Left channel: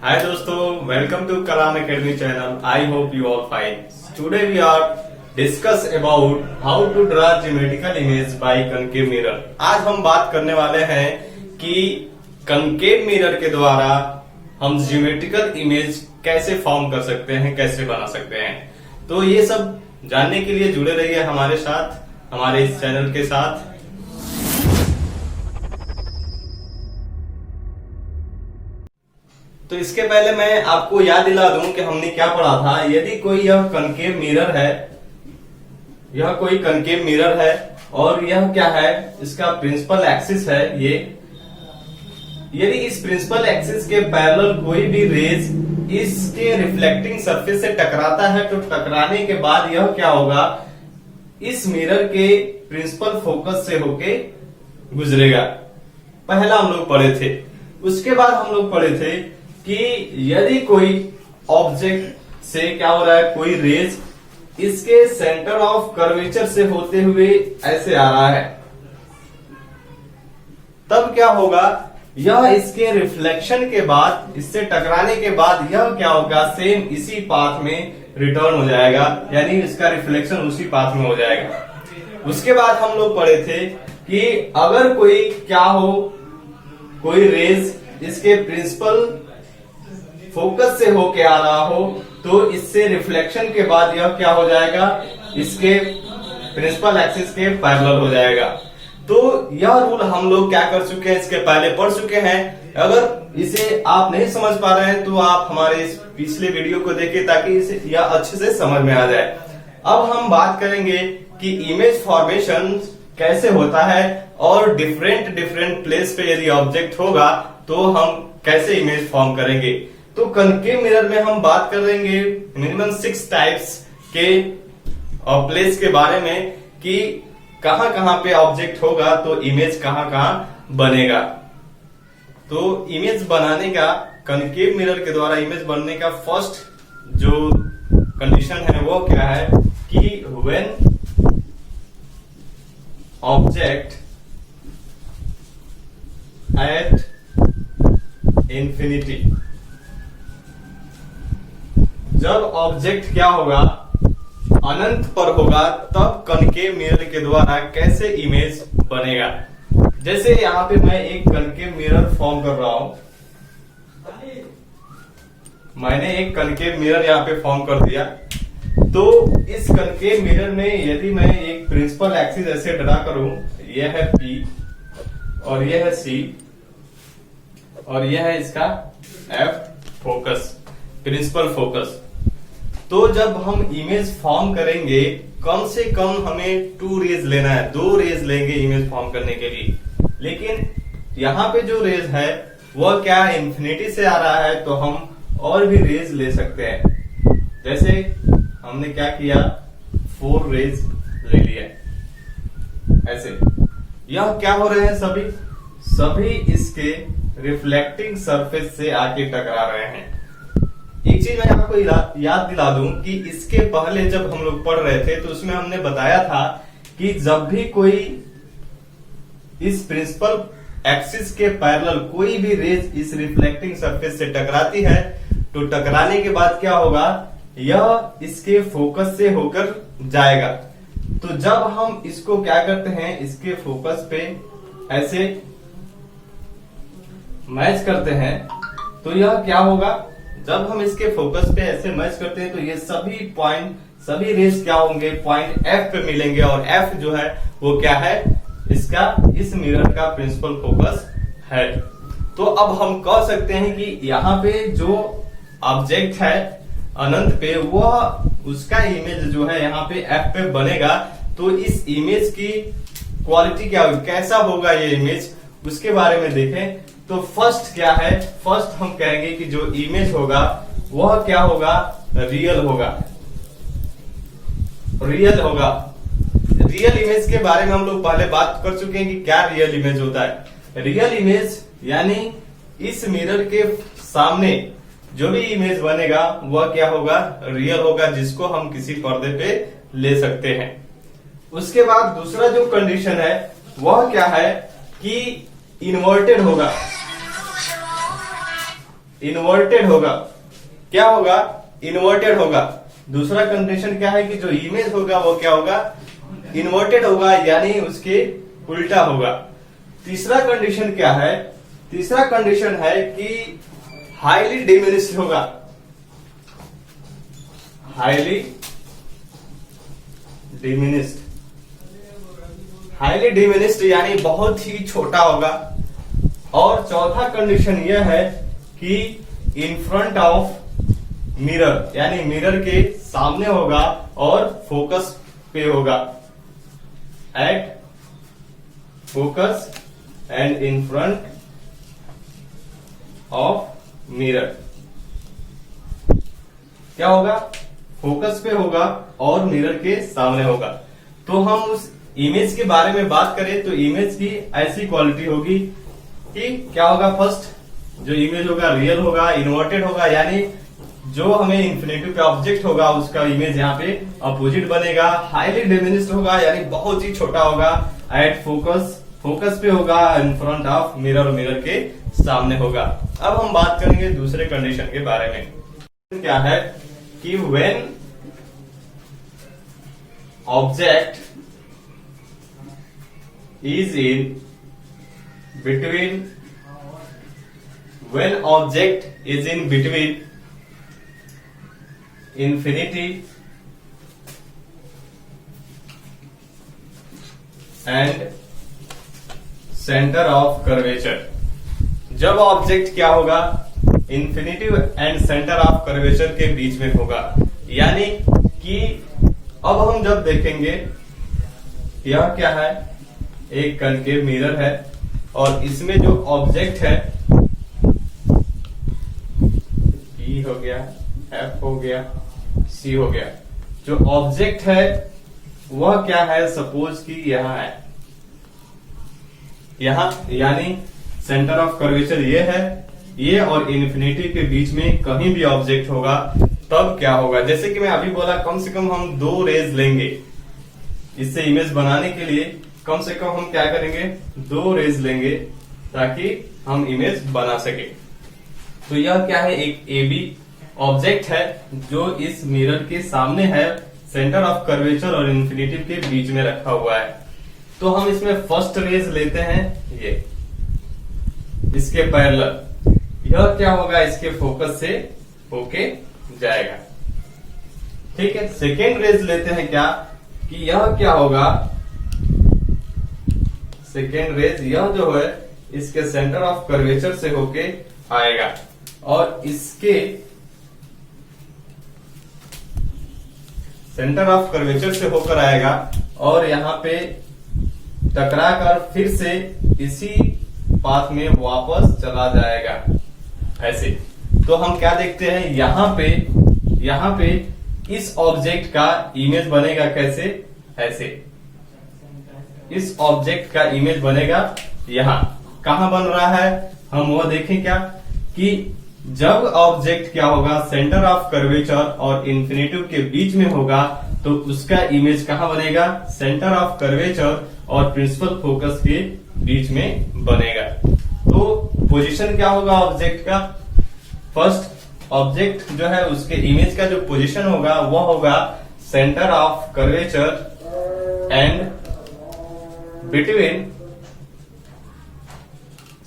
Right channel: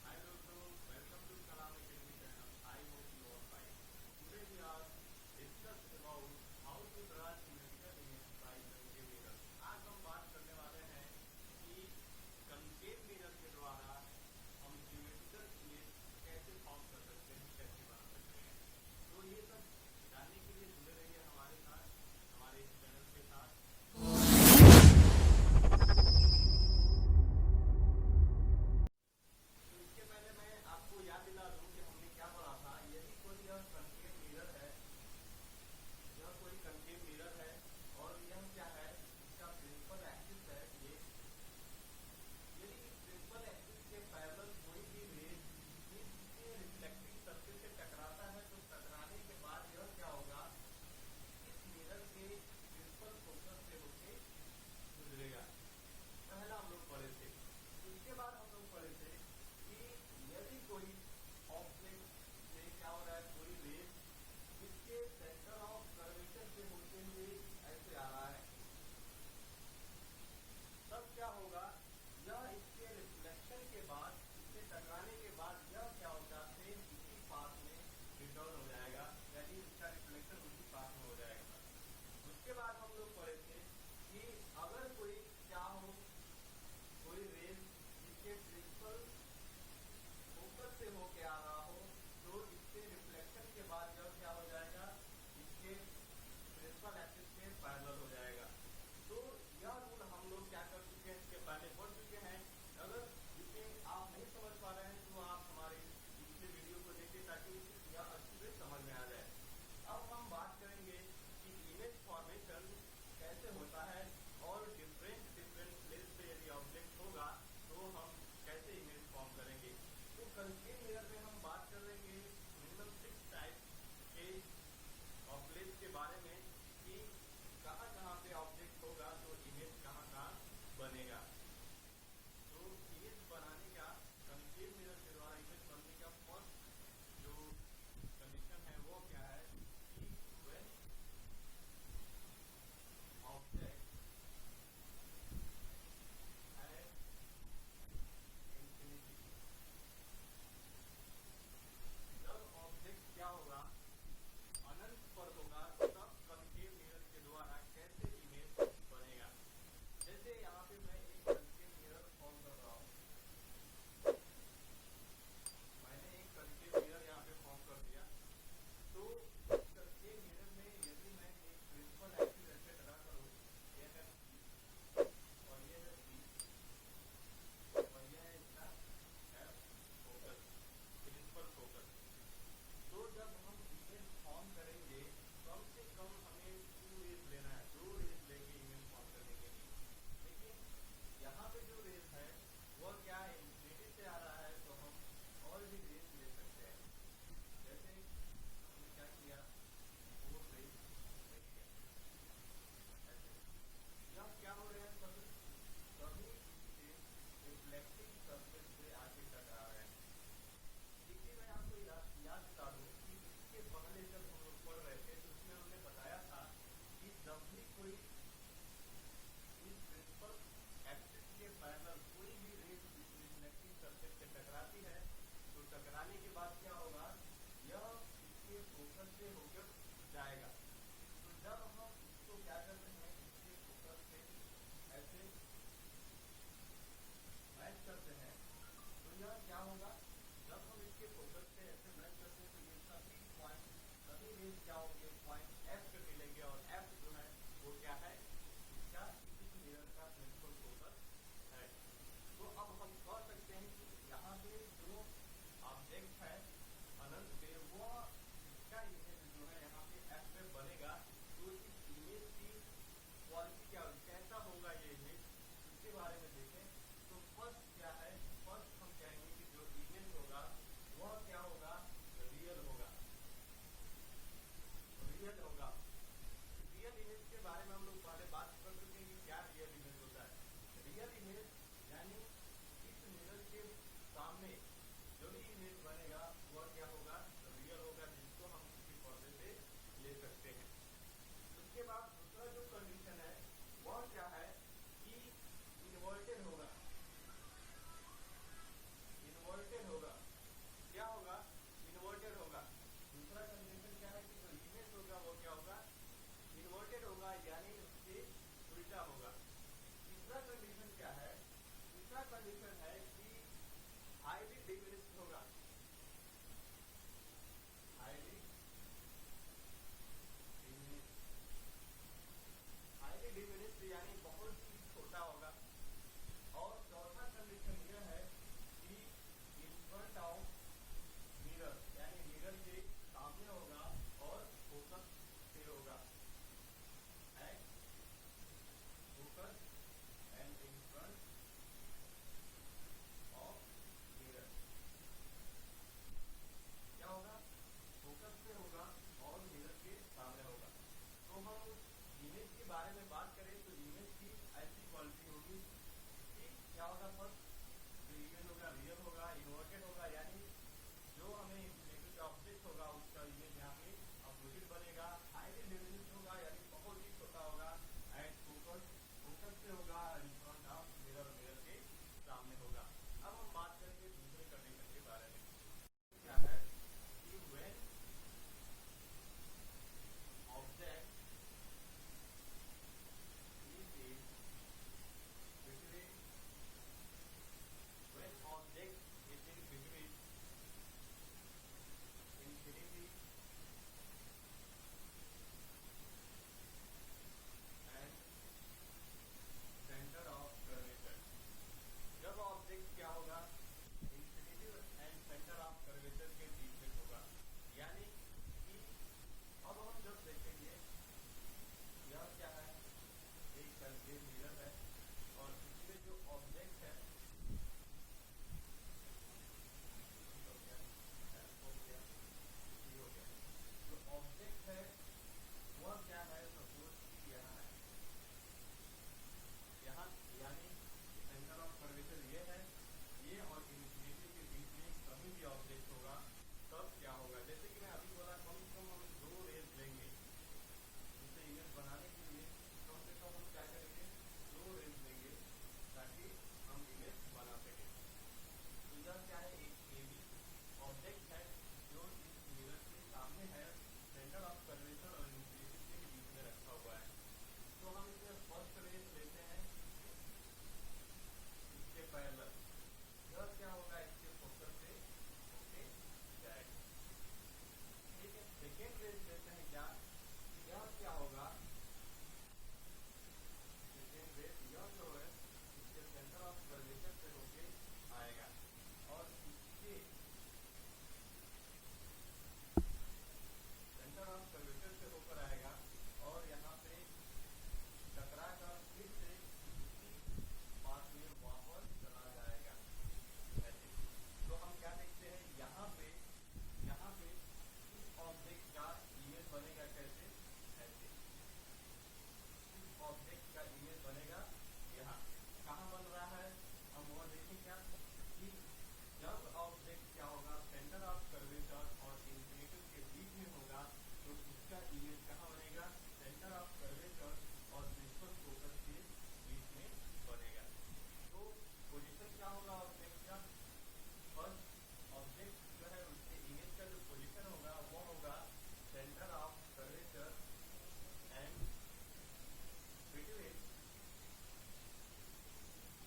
Hi दोस्तों, welcome to Kalam Academy channel. I hope you all fine. Today we are discuss about how to draw geometrical image by concave mirror. आज हम बात करने वाले हैं कि concave mirror के द्वारा हम geometrical image कैसे फॉर्म कर सकते हैं, कैसे बना सकते हैं। तो ये सब जानने के लिए जुड़े रहिए हमारे साथ, हमारे इस चैनल के साथ। तो इसके पहले मैं आपको याद दिला दूं कि हमने क्या पढ़ा था। यदि कोई यह कनकेव मिरर है, यह कोई कनकेव मिरर है और यह क्या है, इसका प्रिंसिपल एक्सिस है ये। यदि इस प्रिंसिपल एक्सिस के पैरेलल कोई भी रेज इसके रिफ्लेक्टिंग सरफेस से टकराता है, तो टकराने के बाद यह क्या होगा, इस मिरर के प्रिंसिपल फोकस से होके गुजरेगा। पहला हम लोग पढ़े थे। उसके बाद हम लोग पढ़े थे कि यदि कोई ऑब्जेक्ट से क्या हो रहा है, कोई रेज इसके सेंटर ऑफ कर्वेचर से होते हुए ऐसे आ रहा है, तब क्या होगा, यह इसके रिफ्लेक्शन के बाद, इससे टकराने के बाद यह क्या होगा, सेम इसी पाथ में रिटर्न हो जाएगा, यानी इसका रिफ्लेक्शन उसी पाथ में हो जाएगा। उसके बाद हम लोग पढ़े थे कि अगर कोई क्या हो, कोई रेज इसके प्रिंसिपल फोकस से होके आ रहा हो, तो इससे रिफ्लेक्शन के बाद यह क्या हो जाएगा, इसके प्रिंसिपल एक्सिस के पैरेलल हो जाएगा। तो यह रूल हम लोग क्या कर चुके हैं, इसके पहले पढ़ चुके हैं। अगर इसे आप नहीं समझ पा रहे हैं तो आप हमारे इस पिछले वीडियो को देखिए, ताकि इसे यह अच्छे से समझ में आ जाए। अब हम बात करेंगे कि इमेज फॉर्मेशन कैसे होता है और डिफरेंट प्लेस पे यदि ऑब्जेक्ट होगा तो हम कैसे इमेज फॉर्म करेंगे। तो कनकेव मिरर में हम बात करेंगे मिनिमम 6 टाइप्स के प्लेस के बारे में, कि कहां कहां पे ऑब्जेक्ट होगा तो इमेज कहां कहां बनेगा। तो इमेज बनाने का, कनकेव मिरर के द्वारा इमेज बनने का फर्स्ट जो कंडीशन है वो क्या है कि व्हेन ऑब्जेक्ट एट इंफिनिटी, जब ऑब्जेक्ट क्या होगा, अनंत पर होगा, तब कनकेव मिरर के द्वारा कैसे इमेज बनेगा। जैसे यहां पे मैं एक कनकेव मिरर फॉर्म कर रहा हूं, मैंने एक कनकेव मिरर यहां पे फॉर्म कर दिया। तो इस कनकेव मिरर में यदि मैं एक प्रिंसिपल एक्सिस ऐसे ड्रा करूं, यह है P और यह है C और यह है इसका F फोकस, प्रिंसिपल फोकस। तो जब हम इमेज फॉर्म करेंगे, कम से कम हमें 2 रेज लेना है, 2 रेज लेंगे इमेज फॉर्म करने के लिए। लेकिन यहाँ पे जो रेज है वह क्या इंफिनिटी से आ रहा है, तो हम और भी रेज ले सकते हैं। जैसे हमने क्या किया, 4 रेज ले लिया ऐसे। यह क्या हो रहे हैं, सभी इसके रिफ्लेक्टिंग सरफेस से आके टकरा रहे हैं। एक चीज मैं आपको याद दिला दूं कि इसके पहले जब हम लोग पढ़ रहे थे तो उसमें हमने बताया था कि जब भी कोई इस प्रिंसिपल एक्सिस के पैरेलल कोई भी रेज इस रिफ्लेक्टिंग सरफेस से टकराती है, तो टकराने के बाद क्या होगा, यह इसके फोकस से होकर जाएगा। तो जब हम इसको क्या करते हैं, इसके फोकस पे ऐसे मैच करते हैं, तो यह क्या होगा, जब हम इसके फोकस पे ऐसे मैच करते हैं तो ये सभी रेस क्या होंगे, पॉइंट F पे मिलेंगे। और F जो है वो क्या है, इसका, इस मिरर का प्रिंसिपल फोकस है। तो अब हम कह सकते हैं कि यहाँ पे जो ऑब्जेक्ट है अनंत पे, वह उसका इमेज जो है यहाँ पे F पे बनेगा। तो इस इमेज की क्वालिटी क्या होगी, कैसा होगा ये इमेज, उसके बारे में देखें। तो फर्स्ट क्या है, फर्स्ट हम कहेंगे कि जो इमेज होगा वह क्या होगा, रियल होगा। रियल इमेज के बारे में हम लोग पहले बात कर चुके हैं कि क्या रियल इमेज होता है। रियल इमेज यानी इस मिरर के सामने जो भी इमेज बनेगा वह क्या होगा, रियल होगा, जिसको हम किसी पर्दे पे ले सकते हैं। उसके बाद दूसरा जो कंडीशन है वह क्या है कि इन्वर्टेड होगा। इन्वर्टेड होगा। क्या होगा? इन्वर्टेड होगा। दूसरा कंडीशन क्या है कि जो इमेज होगा वो क्या होगा? इन्वर्टेड होगा, यानी उसके उल्टा होगा। तीसरा कंडीशन क्या है? तीसरा कंडीशन है कि हाईली डिमिनिश्ड होगा। हाईली डिमिनिश्ड, हाईली डिमिनिश्ड यानी बहुत ही छोटा होगा। और चौथा कंडीशन यह है कि इन फ्रंट ऑफ मिरर, यानी मिरर के सामने होगा और फोकस पे होगा। At focus and in front of mirror. क्या होगा? फोकस पे होगा और मिरर के सामने होगा। तो हम उस इमेज के बारे में बात करें तो इमेज की ऐसी क्वालिटी होगी कि क्या होगा? फर्स्ट जो इमेज होगा रियल होगा, इन्वर्टेड होगा, यानी जो हमें इन्फिनेटिव का ऑब्जेक्ट होगा उसका इमेज यहाँ पे अपोजिट बनेगा। हाईली डिमिनिश्ड होगा, यानी बहुत ही छोटा होगा। एट फोकस, फोकस पे होगा, in front of mirror, mirror के सामने होगा। अब हम बात करेंगे दूसरे कंडीशन के बारे में। क्या है कि when object is in between, when object is in between infinity and center of curvature। जब ऑब्जेक्ट क्या होगा? Infinity and centre of curvature के बीच में होगा। यानी कि अब हम जब देखेंगे यह क्या है? एक कनकेव मिरर है और इसमें जो ऑब्जेक्ट है E हो गया, F हो गया, C हो गया। जो ऑब्जेक्ट है वह क्या है? सपोज कि यहां है, यहां, यानी सेंटर ऑफ कर्वेचर ये है, ये और इन्फिनिटी के बीच में कहीं भी ऑब्जेक्ट होगा तब क्या होगा? जैसे कि मैं अभी बोला, कम से कम हम 2 रेज लेंगे इससे इमेज बनाने के लिए। कम से कम हम क्या करेंगे? 2 रेज लेंगे ताकि हम इमेज बना सके। तो यह क्या है? एक AB ऑब्जेक्ट है जो इस मिरर के सामने है, सेंटर ऑफ कर्वेचर और इन्फिनिटी के बीच में रखा हुआ है। तो हम इसमें फर्स्ट रेज लेते हैं, ये इसके पैरेलल। यह क्या होगा? इसके फोकस से होके जाएगा। ठीक है। सेकेंड रेज लेते हैं क्या कि यह क्या होगा? सेकेंड रेज यह जो है इसके सेंटर ऑफ कर्वेचर से होके आएगा और इसके सेंटर ऑफ कर्वेचर से होकर आएगा और यहाँ पे टकरा कर फिर से इसी पाथ में वापस चला जाएगा, ऐसे। तो हम क्या देखते हैं? यहाँ पे इस ऑब्जेक्ट का इमेज बनेगा कैसे? ऐसे। इस ऑब्जेक्ट का इमेज बनेगा यहां। कहां बन रहा है? हम वो देखें क्या कि जब ऑब्जेक्ट क्या होगा? सेंटर ऑफ कर्वेचर और इन्फिनिटी के बीच में होगा तो उसका इमेज कहां बनेगा? सेंटर ऑफ कर्वेचर और प्रिंसिपल फोकस के बीच में बनेगा। तो पोजीशन क्या होगा ऑब्जेक्ट का? फर्स्ट ऑब्जेक्ट जो है उसके इमेज का जो पोजीशन होगा वह होगा centre of curvature and between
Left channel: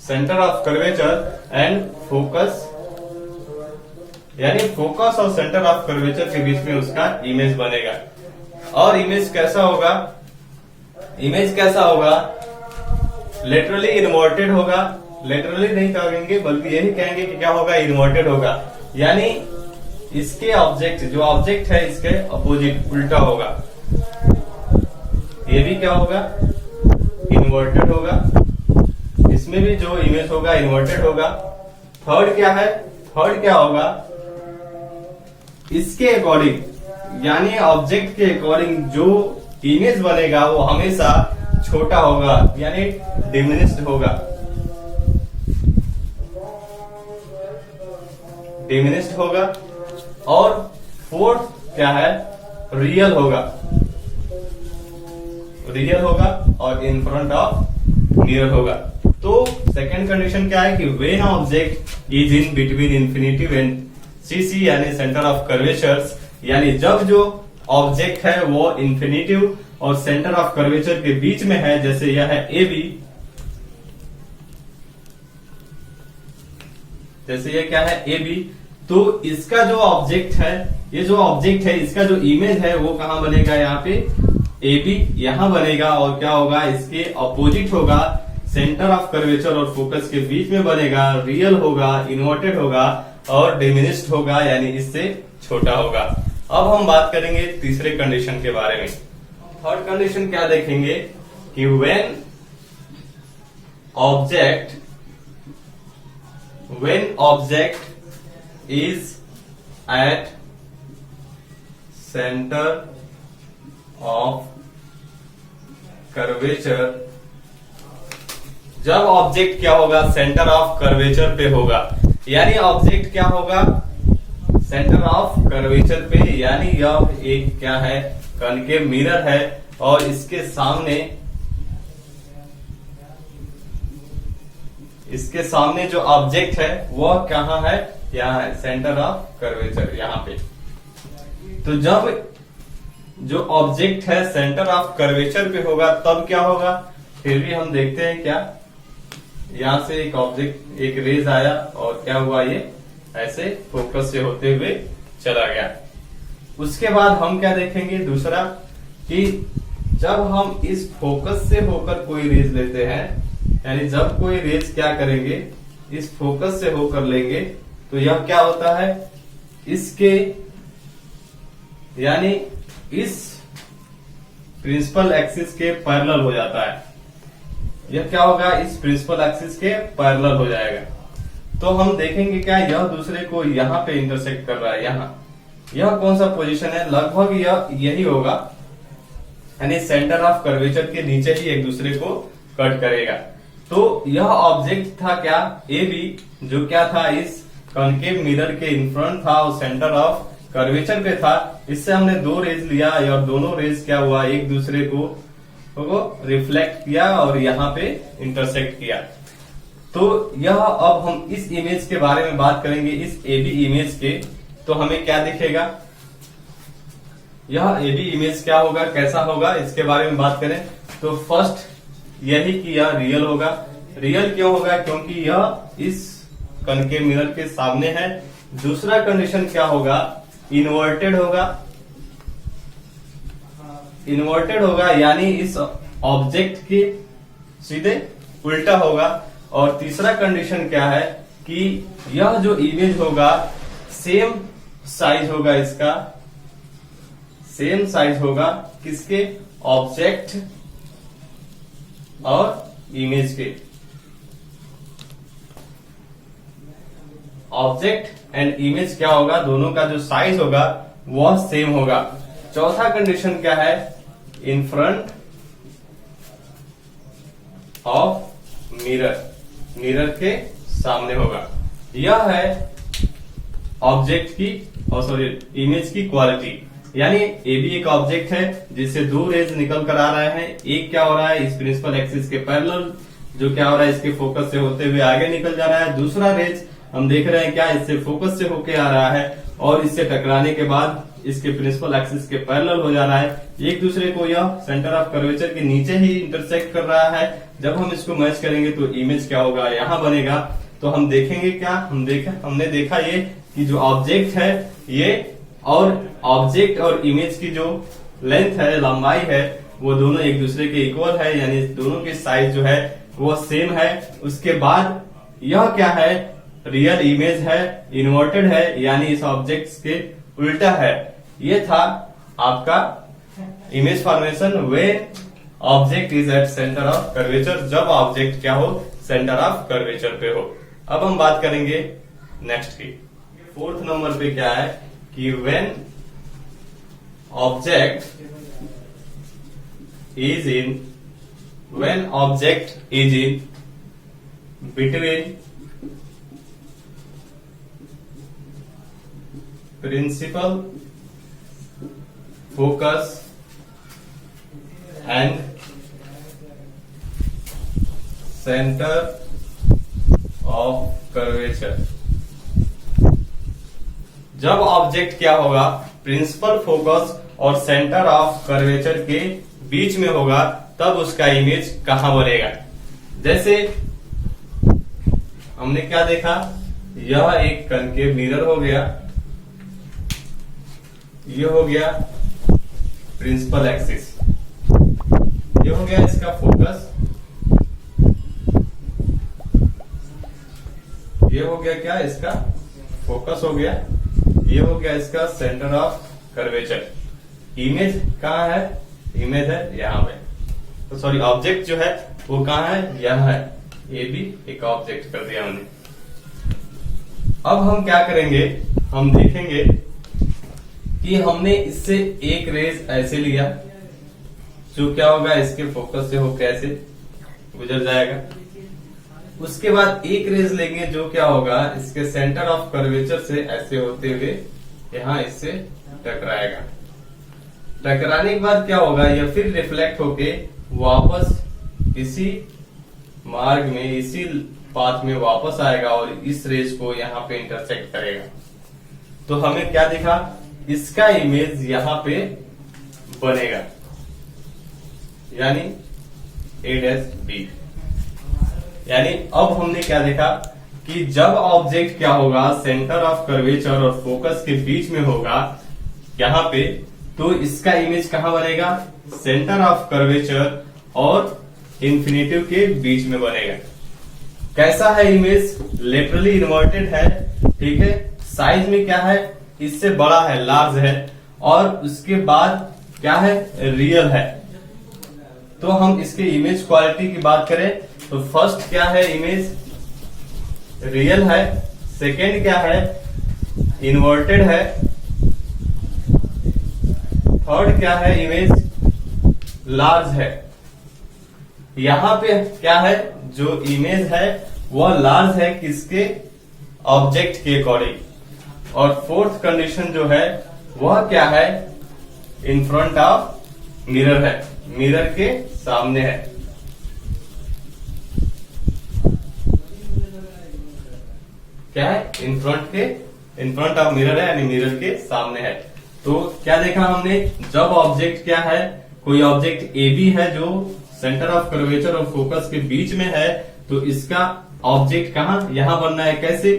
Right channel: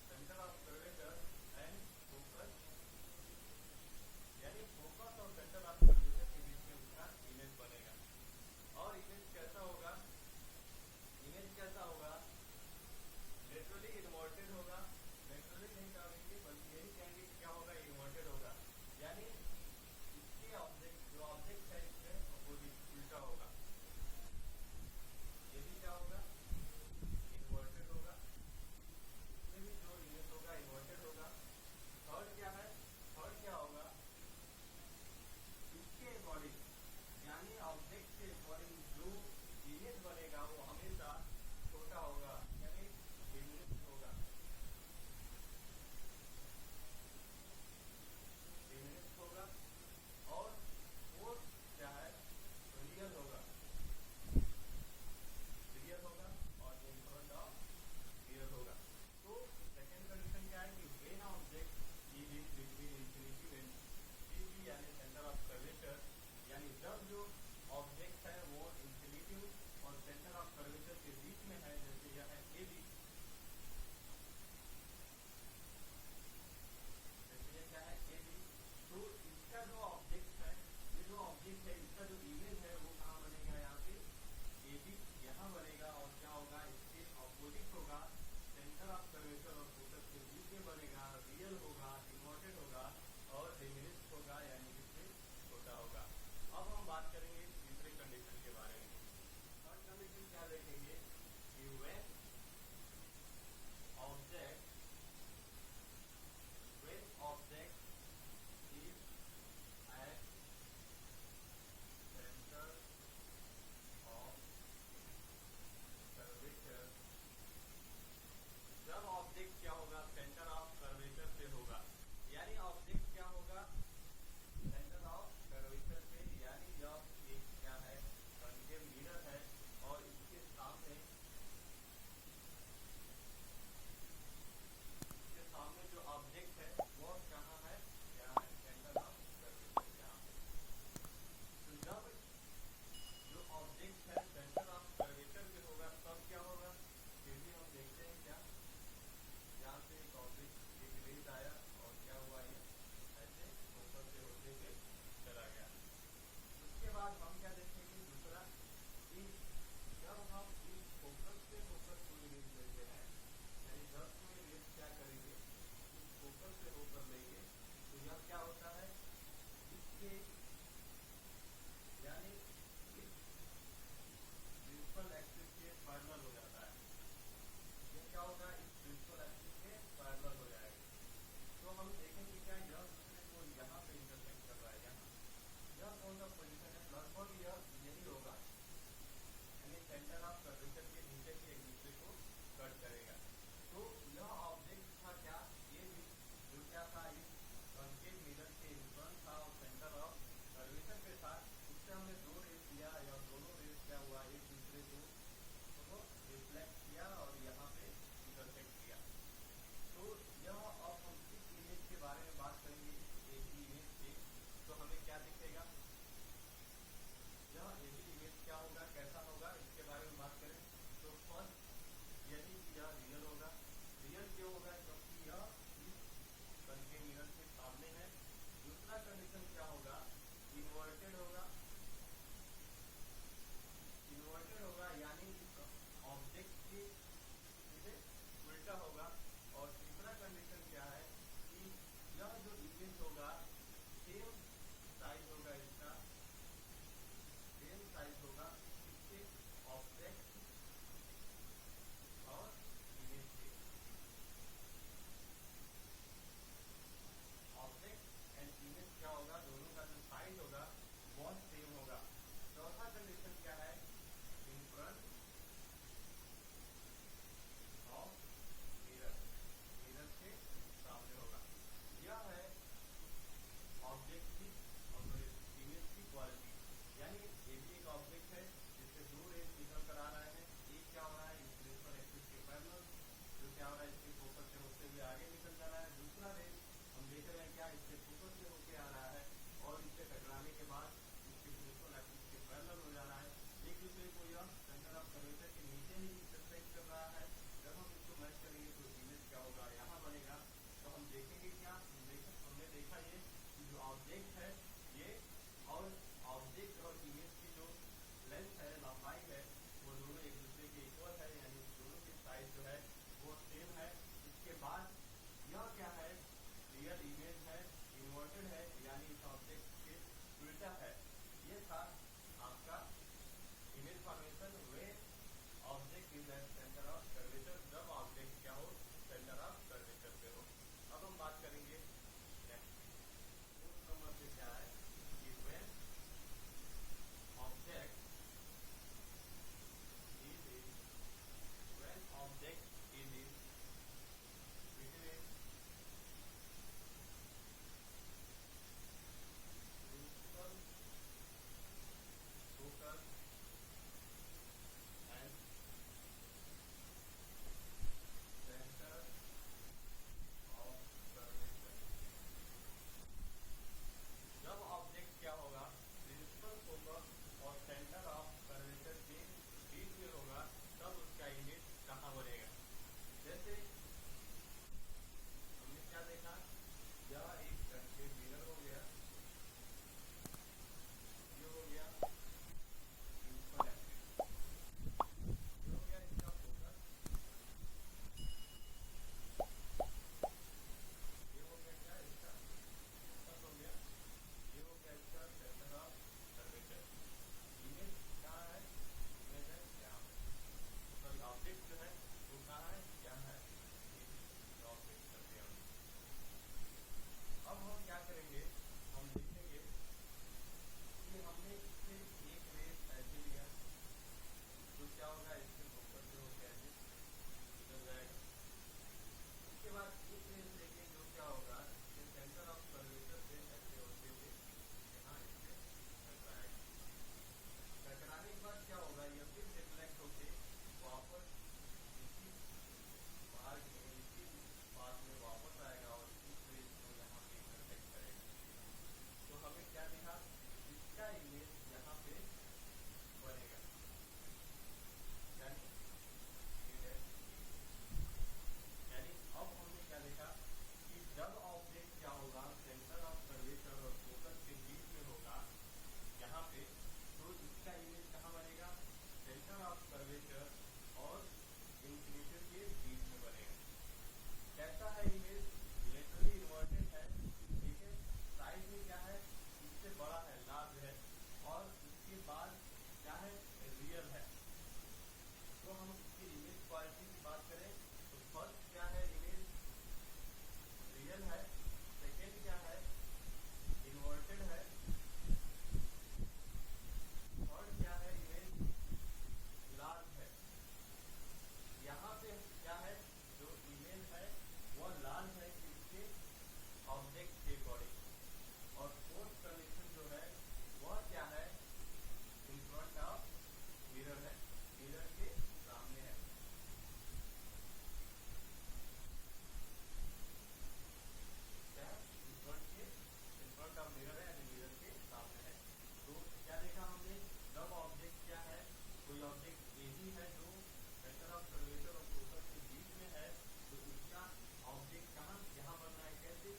center of curvature and focus, यानी फोकस और सेंटर ऑफ कर्वेचर के बीच में उसका इमेज बनेगा। और इमेज कैसा होगा? इमेज कैसा होगा? लेटरली इन्वर्टेड होगा। लेटरली नहीं कहेंगे बल्कि यही कहेंगे कि क्या होगा? इन्वर्टेड होगा, यानी इसके ऑब्जेक्ट, जो ऑब्जेक्ट है इसके अपोजिट, उल्टा होगा। ये भी क्या होगा? इन्वर्टेड होगा। इसमें भी जो इमेज होगा इन्वर्टेड होगा। थर्ड क्या है? थर्ड क्या होगा? इसके अकॉर्डिंग, यानी ऑब्जेक्ट के अकॉर्डिंग जो इमेज बनेगा वो हमेशा छोटा होगा, यानी डिमिनिश्ड होगा। डिमिनिश्ड होगा। और फोर्थ क्या है? रियल होगा। रियल होगा और इन फ्रंट ऑफ मिरर होगा। तो सेकंड कंडीशन क्या है कि when object is in between infinity and CC यानी सेंटर ऑफ कर्वेचर्स, यानी जब जो ऑब्जेक्ट है वो इंफिनिटिव और सेंटर ऑफ कर्वेचर के बीच में है, जैसे यह है ए बी, जैसे ये क्या है ए बी, तो इसका जो ऑब्जेक्ट है, ये जो ऑब्जेक्ट है इसका जो इमेज है वो कहां बनेगा, यहाँ पे ए बी यहां बनेगा, और क्या होगा इसके अपोजिट होगा, सेंटर ऑफ कर्वेचर और फोकस के बीच में बनेगा, रियल होगा, इन्वर्टेड होगा और डिमिनिश्ड होगा, यानी इससे छोटा होगा। अब हम बात करेंगे तीसरे कंडीशन के बारे में। थर्ड कंडीशन क्या देखेंगे कि when object is at centre of curvature, जब ऑब्जेक्ट क्या होगा सेंटर ऑफ कर्वेचर पे होगा, यानी ऑब्जेक्ट क्या होगा सेंटर ऑफ कर्वेचर पे, यानी यह एक क्या है कॉनकेव मिरर है और इसके सामने जो ऑब्जेक्ट है वह कहां है, यहाँ है सेंटर ऑफ कर्वेचर यहाँ पे। तो जब जो ऑब्जेक्ट है सेंटर ऑफ कर्वेचर पे होगा तब क्या होगा, फिर भी हम देखते हैं क्या, यहां से एक ऑब्जेक्ट एक रेज आया और क्या हुआ, ये ऐसे फोकस से होते हुए चला गया। उसके बाद हम क्या देखेंगे दूसरा कि जब हम इस फोकस से होकर कोई रेज लेते हैं, यानी जब कोई रेज क्या करेंगे इस फोकस से होकर लेंगे, तो यह क्या होता है इसके यानी इस प्रिंसिपल एक्सिस के पैरेलल हो जाता है, यह क्या होगा इस प्रिंसिपल एक्सिस के पैरेलल हो जाएगा। तो हम देखेंगे क्या यह दूसरे को यहाँ पे इंटरसेक्ट कर रहा है, यहाँ यह कौन सा पोजीशन है, लगभग यह यही होगा, यानी सेंटर ऑफ कर्वेचर के नीचे ही एक दूसरे को कट करेगा। तो यह ऑब्जेक्ट था क्या ए बी, जो क्या था इस कॉनकेव मिरर के इन फ्रंट था और सेंटर ऑफ कर्वेचर पे था। इससे हमने दो रेज लिया और दोनों रेज क्या हुआ एक दूसरे को रिफ्लेक्ट किया और यहाँ पे इंटरसेक्ट किया। तो यह अब हम इस इमेज के बारे में बात करेंगे, इस एबी इमेज के, तो हमें क्या दिखेगा, यह एबी इमेज क्या होगा कैसा होगा इसके बारे में बात करें तो फर्स्ट यही कि यह रियल होगा। रियल क्यों होगा, क्योंकि यह इस कॉनकेव मिरर के सामने है। दूसरा कंडीशन क्या होगा, इन्वर्टेड होगा, इन्वर्टेड होगा यानी इस ऑब्जेक्ट के सीधे उल्टा होगा। और तीसरा कंडीशन क्या है कि यह जो इमेज होगा सेम साइज होगा, इसका सेम साइज होगा किसके, ऑब्जेक्ट और इमेज के, ऑब्जेक्ट एंड इमेज क्या होगा दोनों का जो साइज होगा वह सेम होगा। चौथा कंडीशन क्या है, in front of mirror, mirror के सामने होगा। यह है ऑब्जेक्ट की और सॉरी इमेज की क्वालिटी, यानी ए भी एक ऑब्जेक्ट है जिससे दो रेज निकल कर आ रहे हैं। एक क्या हो रहा है इस प्रिंसिपल एक्सिस के पैरेलल, जो क्या हो रहा है इसके फोकस से होते हुए आगे निकल जा रहा है। दूसरा रेज हम देख रहे हैं क्या इससे फोकस से होके आ रहा है और इससे टकराने के बाद इसके प्रिंसिपल एक्सिस के पैरेलल हो जा रहा है। एक दूसरे को यह सेंटर ऑफ कर्वेचर के नीचे ही इंटरसेक्ट कर रहा है। जब हम इसको मैच करेंगे तो इमेज क्या होगा, यहाँ बनेगा। तो हम देखेंगे क्या, हमने देखा ये कि जो ऑब्जेक्ट है ये और ऑब्जेक्ट और इमेज की जो लेंथ है, लंबाई है, वो दोनों एक दूसरे के इक्वल है, यानी दोनों के साइज जो है वो सेम है। उसके बाद यह क्या है, रियल इमेज है, इन्वर्टेड है, यानी इस ऑब्जेक्ट के उल्टा है। ये था आपका image formation way object is at centre of curvature, जब ऑब्जेक्ट क्या हो सेंटर ऑफ कर्वेचर पे हो। अब हम बात करेंगे नेक्स्ट की। फोर्थ नंबर पे क्या है कि when object is in between principal focus and centre of curvature. जब ऑब्जेक्ट क्या होगा, प्रिंसिपल फोकस और सेंटर ऑफ कर्वेचर के बीच में होगा, तब उसका इमेज कहां बनेगा। जैसे हमने क्या देखा, यह एक कनकेव मिरर हो गया, ये हो गया प्रिंसिपल एक्सिस, ये हो गया इसका फोकस, ये हो गया क्या, इसका फोकस हो गया, ये हो गया इसका सेंटर ऑफ कर्वेचर। इमेज कहाँ है, इमेज है यहाँ पे, तो सॉरी ऑब्जेक्ट जो है वो कहाँ है, यह है, ये भी एक ऑब्जेक्ट कर दिया हमने। अब हम क्या करेंगे, हम देखेंगे कि हमने इससे एक रेज ऐसे लिया, जो क्या होगा, इसके फोकस से होकर ऐसे गुजर जाएगा। उसके बाद एक रेज लेंगे जो क्या होगा, इसके सेंटर ऑफ कर्वेचर से ऐसे होते हुए यहां इससे टकराएगा। टकराने के बाद क्या होगा, यह फिर रिफ्लेक्ट होके वापस इसी मार्ग में, इसी पाथ में वापस आएगा और इस रेज को यहाँ पे इंटरसेक्ट करेगा। तो हमें क्या दिखा, इसका इमेज यहाँ पे बनेगा, यानी A'(B). यानी अब हमने क्या देखा कि जब ऑब्जेक्ट क्या होगा, सेंटर ऑफ कर्वेचर और फोकस के बीच में होगा यहाँ पे, तो इसका इमेज कहां बनेगा, सेंटर ऑफ कर्वेचर और इंफिनिटिव के बीच में बनेगा। कैसा है इमेज, लेटरली इन्वर्टेड है, ठीक है, साइज में क्या है, इससे बड़ा है, लार्ज है, और उसके बाद क्या है, रियल है। तो हम इसके इमेज क्वालिटी की बात करें तो फर्स्ट क्या है, इमेज रियल है, सेकेंड क्या है, इन्वर्टेड है, थर्ड क्या है, इमेज लार्ज है। यहां पे क्या है, जो इमेज है वह लार्ज है किसके, ऑब्जेक्ट के अकॉर्डिंग, और फोर्थ कंडीशन जो है वह क्या है, इन फ्रंट ऑफ मिरर है, मिरर के सामने है। क्या है, इन फ्रंट ऑफ मिरर है, यानी मिरर के सामने है। तो क्या देखा हमने, जब ऑब्जेक्ट क्या है, कोई ऑब्जेक्ट ए बी है जो सेंटर ऑफ कर्वेचर और फोकस के बीच में है, तो इसका ऑब्जेक्ट कहां, यहां बनना है। कैसे,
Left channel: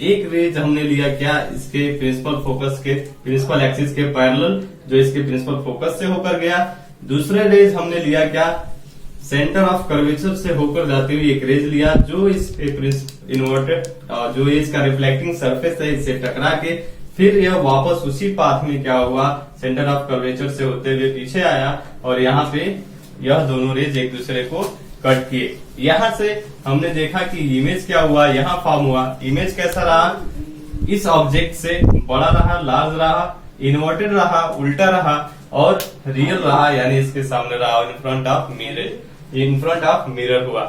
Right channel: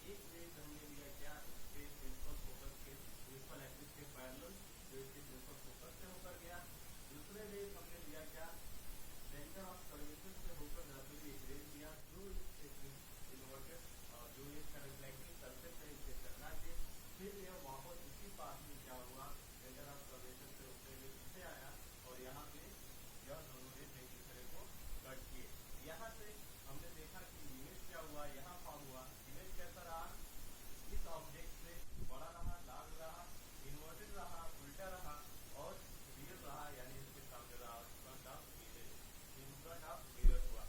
एक रेज हमने लिया क्या, इसके प्रिंसिपल फोकस के, प्रिंसिपल एक्सिस के पैरेलल, जो इसके प्रिंसिपल फोकस से होकर गया। दूसरे रेज हमने लिया क्या, सेंटर ऑफ कर्वेचर से होकर जाती हुई एक रेज लिया, जो इस इन्वर्टेड, जो इसका रिफ्लेक्टिंग सरफेस है, इससे टकरा के फिर यह वापस उसी पाथ में क्या हुआ, सेंटर ऑफ कर्वेचर से होते हुए पीछे आया, और यहाँ पे यह दोनों रेज एक दूसरे को कट किए। यहां से हमने देखा कि इमेज क्या हुआ, यहाँ फॉर्म हुआ। इमेज कैसा रहा, इस ऑब्जेक्ट से बड़ा रहा, लार्ज रहा, इन्वर्टेड रहा, उल्टा रहा, और रियल रहा, यानी इसके सामने रहा, in front of mirror, in front of mirror हुआ।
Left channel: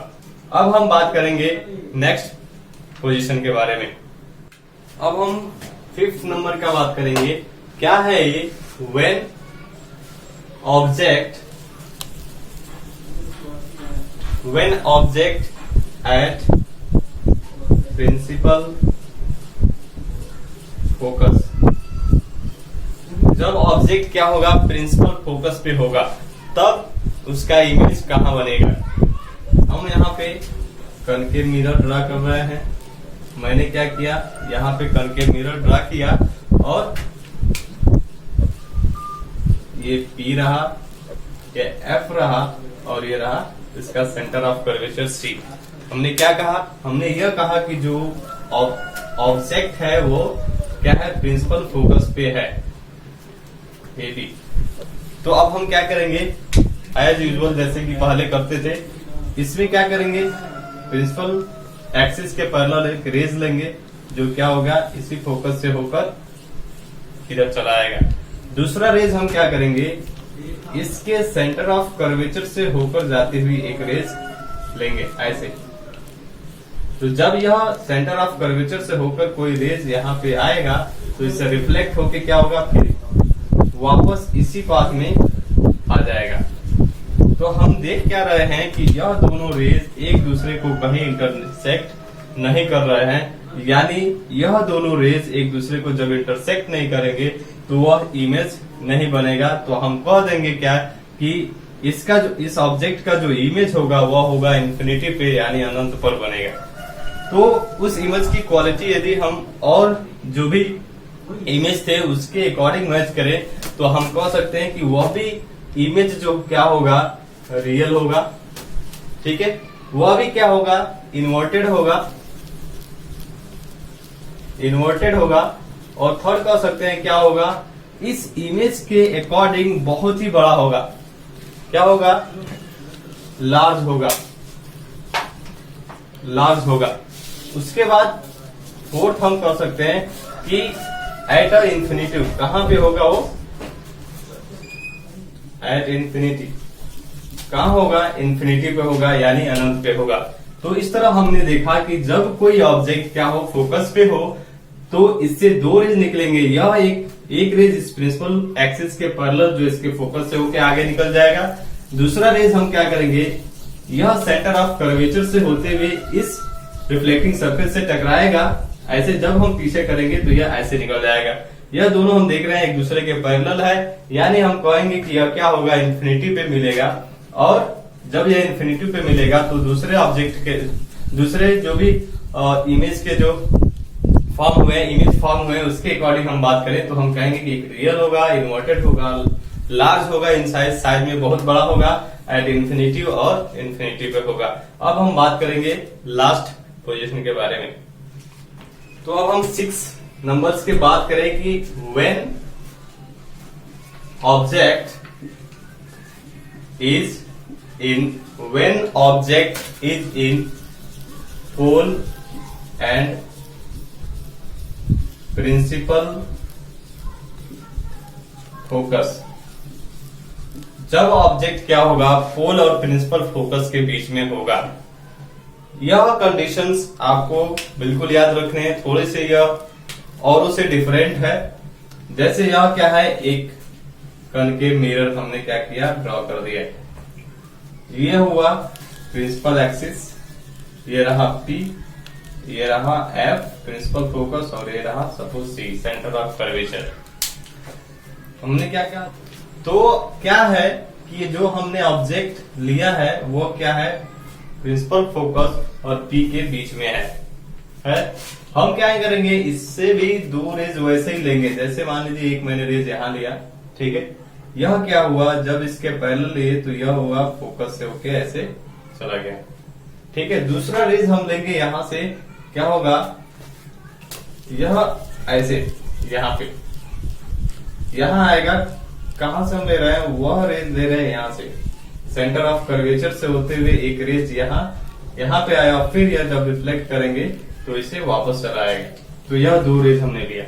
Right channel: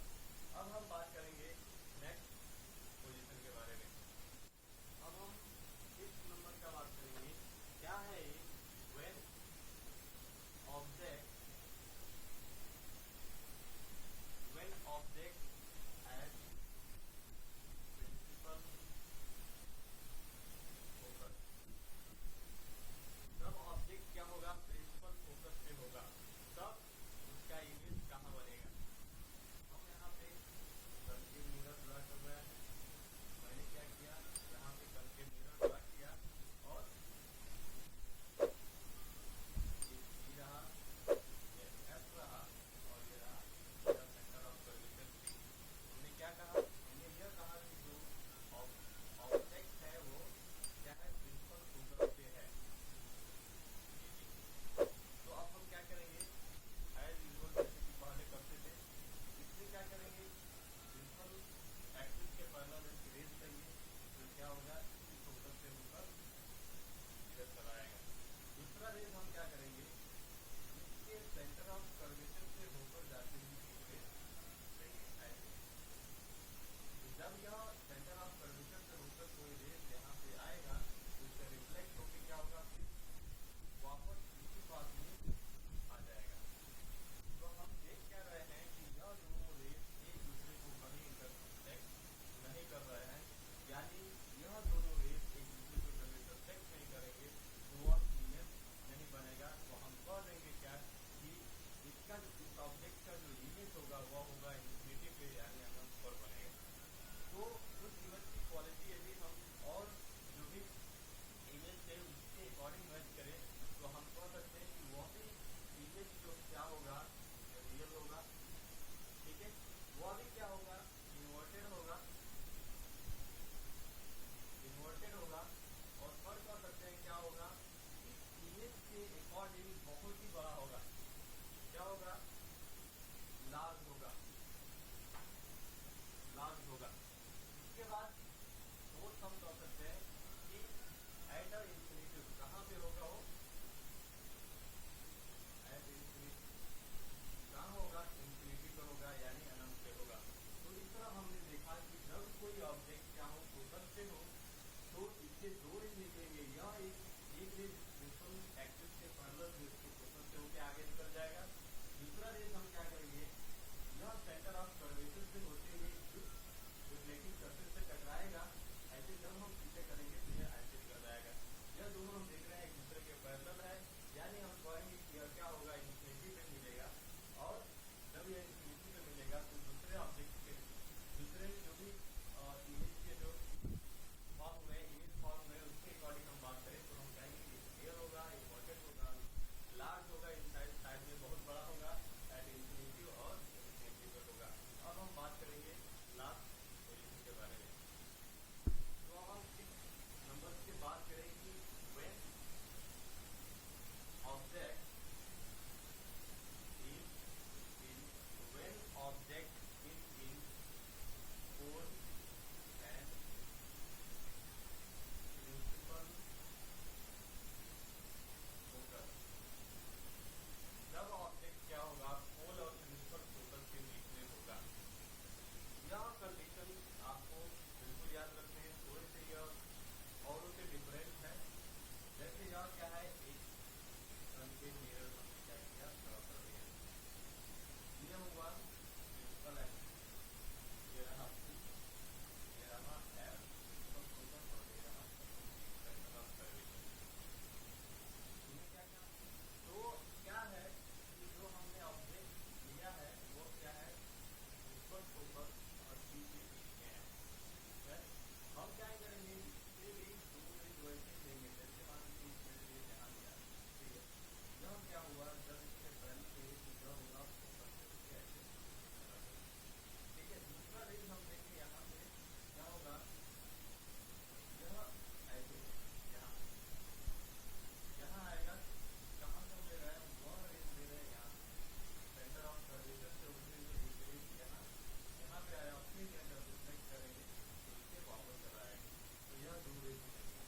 अब हम बात करेंगे नेक्स्ट पोजीशन के बारे में। अब हम 5th नंबर का बात करेंगे। क्या है ये, when object at principal focus. जब ऑब्जेक्ट क्या होगा, प्रिंसिपल फोकस पे होगा, तब उसका इमेज कहां बनेगा। हम यहाँ पे कनकेव मिरर ड्रा कर रहे हैं। मैंने क्या किया, यहाँ पे कनकेव मिरर ड्रा किया, और ये P रहा, ये F रहा, और ये रहा इसका सेंटर ऑफ कर्वेचर C। हमने क्या कहा, हमने यह कहा कि जो ऑब्जेक्ट है वो क्या है, प्रिंसिपल फोकस पे है, ए बी। तो अब हम क्या करेंगे, एज यूजुअल जैसे कि पहले करते थे, इसमें क्या करेंगे, प्रिंसिपल एक्सिस के पैरेलल एक रेज लेंगे, जो क्या होगा, इसी फोकस से होकर इधर चला आएगा। दूसरा रेज हम क्या करेंगे, इसके सेंटर ऑफ कर्वेचर से होकर जाती हुई एक रेज लेंगे ऐसे। तो जब यह सेंटर ऑफ कर्वेचर से होकर कोई रेज यहाँ पे आएगा, तो इससे रिफ्लेक्ट होके क्या होगा, फिर वापस इसी पाथ में आ जाएगा। तो हम देख क्या रहे हैं कि यह दोनों रेज एक दूसरे को कहीं इंटरसेक्ट नहीं कर रहे हैं, यानी यह दोनों रेज एक दूसरे को जब इंटरसेक्ट नहीं करेंगे तो वह इमेज नहीं बनेगा। तो हम कह देंगे क्या कि इसका जो इस ऑब्जेक्ट का जो इमेज होगा वह होगा इन्फिनिटी पे यानी अनंत पर बनेगा। तो उस इमेज की क्वालिटी यदि हम और जो भी इमेज थे उसके अकॉर्डिंग मैच करें तो हम कह सकते हैं कि वह भी इमेज जो क्या होगा रियल होगा, ठीक है। वह भी क्या होगा इन्वर्टेड होगा। और थर्ड कह सकते हैं क्या होगा इस इमेज के अकॉर्डिंग बहुत ही बड़ा होगा। क्या होगा लार्ज होगा। उसके बाद फोर्थ हम कह सकते हैं कि एट अ इंफिनिटी कहां पे होगा वो एट इंफिनिटी कहां होगा इन्फिनिटी पे होगा यानी अनंत पे होगा। तो इस तरह हमने देखा कि जब कोई ऑब्जेक्ट क्या हो फोकस पे हो तो इससे दो रेज निकलेंगे। यह एक रेज इस प्रिंसिपल एक्सिस के पैरेलल जो इसके फोकस से होके आगे निकल जाएगा। दूसरा रेज हम क्या करेंगे यह सेंटर ऑफ कर्वेचर से होते हुए इस रिफ्लेक्टिंग सरफेस से टकराएगा। ऐसे जब हम पीछे करेंगे तो यह ऐसे निकल जाएगा। यह दोनों हम देख रहे हैं एक दूसरे के पैरेलल है, यानी हम कहेंगे कि यह क्या होगा इन्फिनिटी पे मिलेगा। और जब यह इन्फिनिटी पे मिलेगा तो दूसरे ऑब्जेक्ट के दूसरे जो भी इमेज के जो इमेज फॉर्म हुए उसके अकॉर्डिंग हम बात करें तो हम कहेंगे कि एक रियल होगा, इन्वर्टेड होगा, लार्ज होगा इन साइज में बहुत बड़ा होगा, एट इन्फिनिटी और इन्फिनिटी पे होगा। अब हम बात करेंगे लास्ट पोजीशन के बारे में। तो अब हम 6 नंबर्स की बात करें कि when object is in pole and principal focus. जब ऑब्जेक्ट क्या होगा पोल और प्रिंसिपल फोकस के बीच में होगा। यह कंडीशंस आपको बिल्कुल याद रखने हैं, थोड़े से यह औरों से डिफरेंट है। जैसे यह क्या है एक कनकेव मिरर हमने क्या किया ड्रॉ कर दिया। ये हुआ प्रिंसिपल एक्सिस, ये रहा P, ये रहा F प्रिंसिपल फोकस और ये रहा suppose C centre of curvature. हमने क्या किया तो क्या है कि जो हमने ऑब्जेक्ट लिया है वो क्या है प्रिंसिपल फोकस और P के बीच में है। हम क्या करेंगे इससे भी दो रेज वैसे ही लेंगे। जैसे मान लीजिए एक मैंने रेज यहाँ लिया, ठीक है। यह क्या हुआ जब इसके पैरेलल लिए तो यह हुआ फोकस से होके ऐसे चला गया, ठीक है। दूसरा रेज हम लेंगे यहाँ से, क्या होगा यह ऐसे यहाँ पे यहाँ आएगा। कहां से हम ले रहे हैं वह रेज ले रहे हैं यहाँ से सेंटर ऑफ कर्वेचर से होते हुए एक रेज यहाँ पे आया, फिर यह जब रिफ्लेक्ट करेंगे तो इसे वापस चला आएगा। तो यह दो रेज हमने लिया।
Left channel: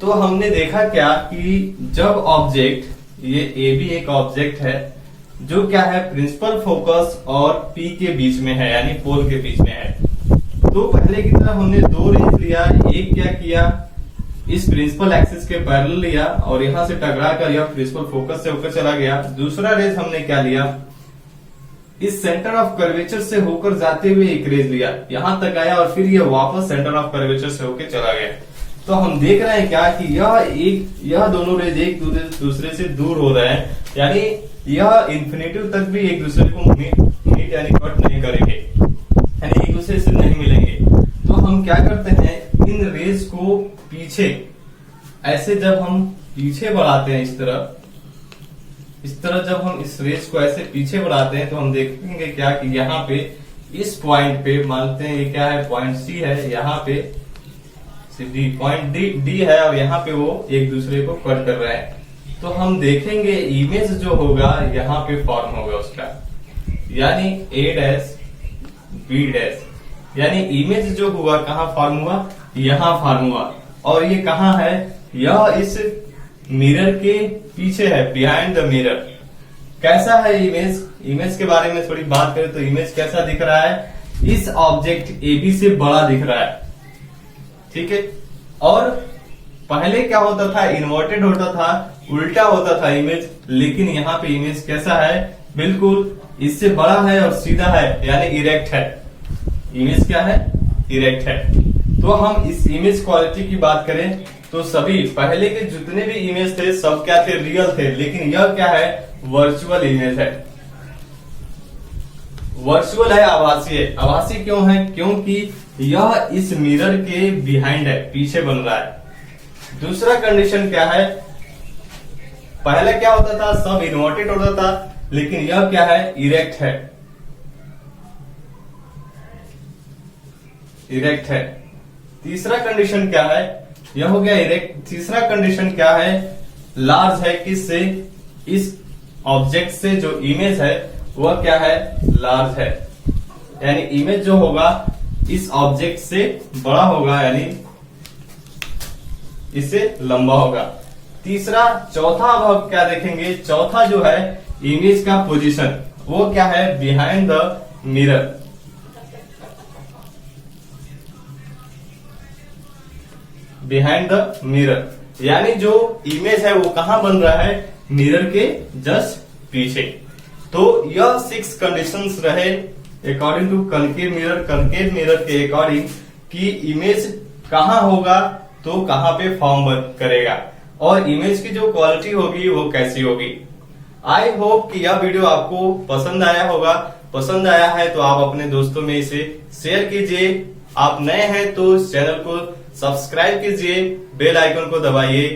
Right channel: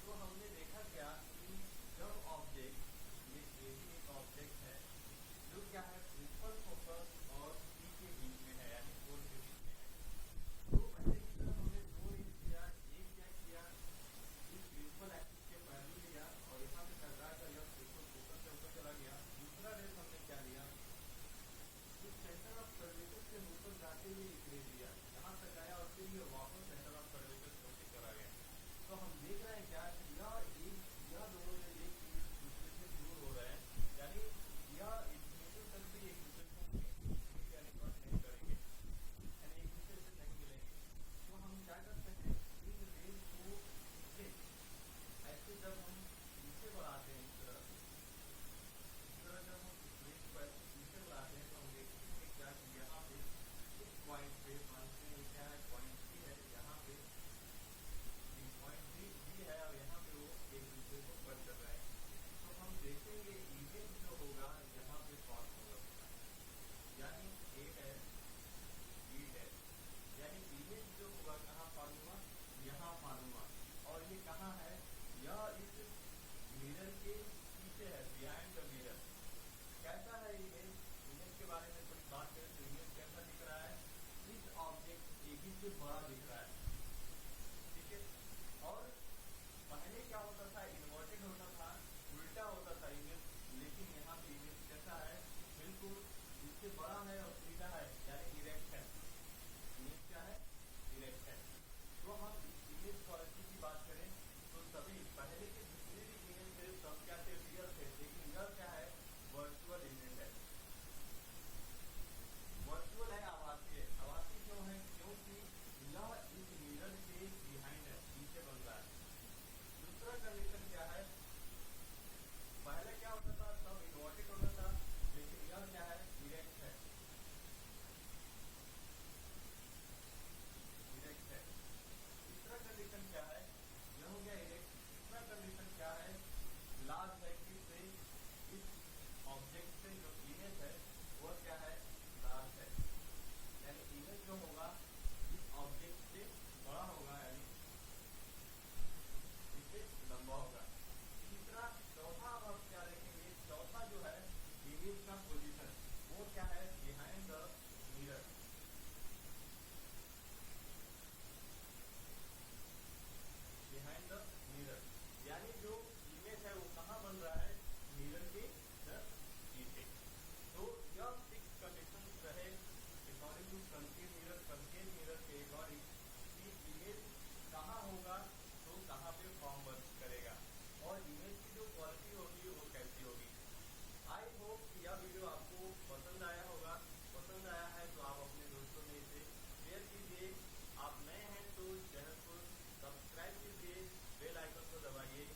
तो हमने देखा क्या कि जब ऑब्जेक्ट ये ए भी एक ऑब्जेक्ट है जो क्या है प्रिंसिपल फोकस और P के बीच में है यानी पोल के बीच में है। तो पहले की तरह हमने दो रेज लिया, एक क्या किया इस प्रिंसिपल एक्सिस के पैरेलल लिया और यहां से टकरा कर यह प्रिंसिपल फोकस से होकर चला गया। दूसरा रेज हमने क्या लिया इस सेंटर ऑफ कर्वेचर से होकर जाते हुए एक रेज लिया, यहां तक आया और फिर यह वापस सेंटर ऑफ कर्वेचर से होकर चला गया। तो हम देख रहे हैं क्या कि यह दोनों रेज एक दूसरे से दूर हो रहे हैं, यानी यह इन्फिनिटी तक भी एक दूसरे को मीट यानी कट नहीं करेंगे, यानी एक दूसरे से नहीं मिलेंगे। तो हम क्या करते हैं इन रेज को पीछे ऐसे जब हम पीछे बढ़ाते हैं इस तरह जब हम इस रेज को ऐसे पीछे बढ़ाते हैं तो हम देखेंगे क्या कि यहाँ पे इस पॉइंट पे मानते हैं ये क्या है पॉइंट सी है, यहाँ पे डी पॉइंट डी है और यहाँ पे वो एक दूसरे को कट कर रहे हैं। तो हम देखेंगे इमेज जो होगा यहाँ पे फॉर्म होगा उसका, यानी A डैश B डैश, यानी इमेज जो हुआ कहाँ फॉर्म हुआ यहाँ फॉर्म हुआ। और ये कहाँ है यह इस मिरर के पीछे है, बिहाइंड द मिरर। कैसा है इमेज के बारे में थोड़ी बात करें तो इमेज कैसा दिख रहा है इस ऑब्जेक्ट AB से बड़ा दिख रहा है, ठीक है। और पहले क्या होता था इन्वर्टेड होता था, उल्टा होता था इमेज, लेकिन यहाँ पे इमेज कैसा है बिल्कुल इससे बड़ा है और सीधा है यानी इरेक्ट है। इमेज क्या है? इरेक्ट है। तो हम इस इमेज क्वालिटी की बात करें तो सभी पहले के जितने भी इमेज थे सब क्या थे? रियल थे। लेकिन यह क्या है? वर्चुअल इमेज है। वर्चुअल है, आभासी है। आभासी क्यों है? क्योंकि यह इस मिरर के बिहाइंड है, पीछे बन रहा है। दूसरा कंडीशन क्या है? पहले क्या होता था? सब इन्वर्टेड होता था, लेकिन यह क्या है? इरेक्ट है। इरेक्ट है। तीसरा कंडीशन क्या है? यह हो गया इरेक्ट। तीसरा कंडीशन क्या है? लार्ज है। किससे? इस ऑब्जेक्ट से जो इमेज है वह क्या है? लार्ज है। यानी इमेज जो होगा इस ऑब्जेक्ट से बड़ा होगा, यानी इससे लंबा होगा। तीसरा, चौथा अब हम क्या देखेंगे? चौथा जो है इमेज का पोजीशन, वो क्या है? Behind the mirror. Behind the mirror यानी जो इमेज है वो कहां बन रहा है? मिरर के जस्ट पीछे। तो यह 6 कंडीशंस रहे according to concave mirror. Concave mirror के अकॉर्डिंग कि इमेज कहां होगा तो कहां पे फॉर्म करेगा और इमेज की जो क्वालिटी होगी वो कैसी होगी। आई होप कि यह वीडियो आपको पसंद आया होगा। पसंद आया है तो आप अपने दोस्तों में इसे शेयर कीजिए। आप नए हैं तो इस चैनल को सब्सक्राइब कीजिए, बेल आइकन को दबाइए।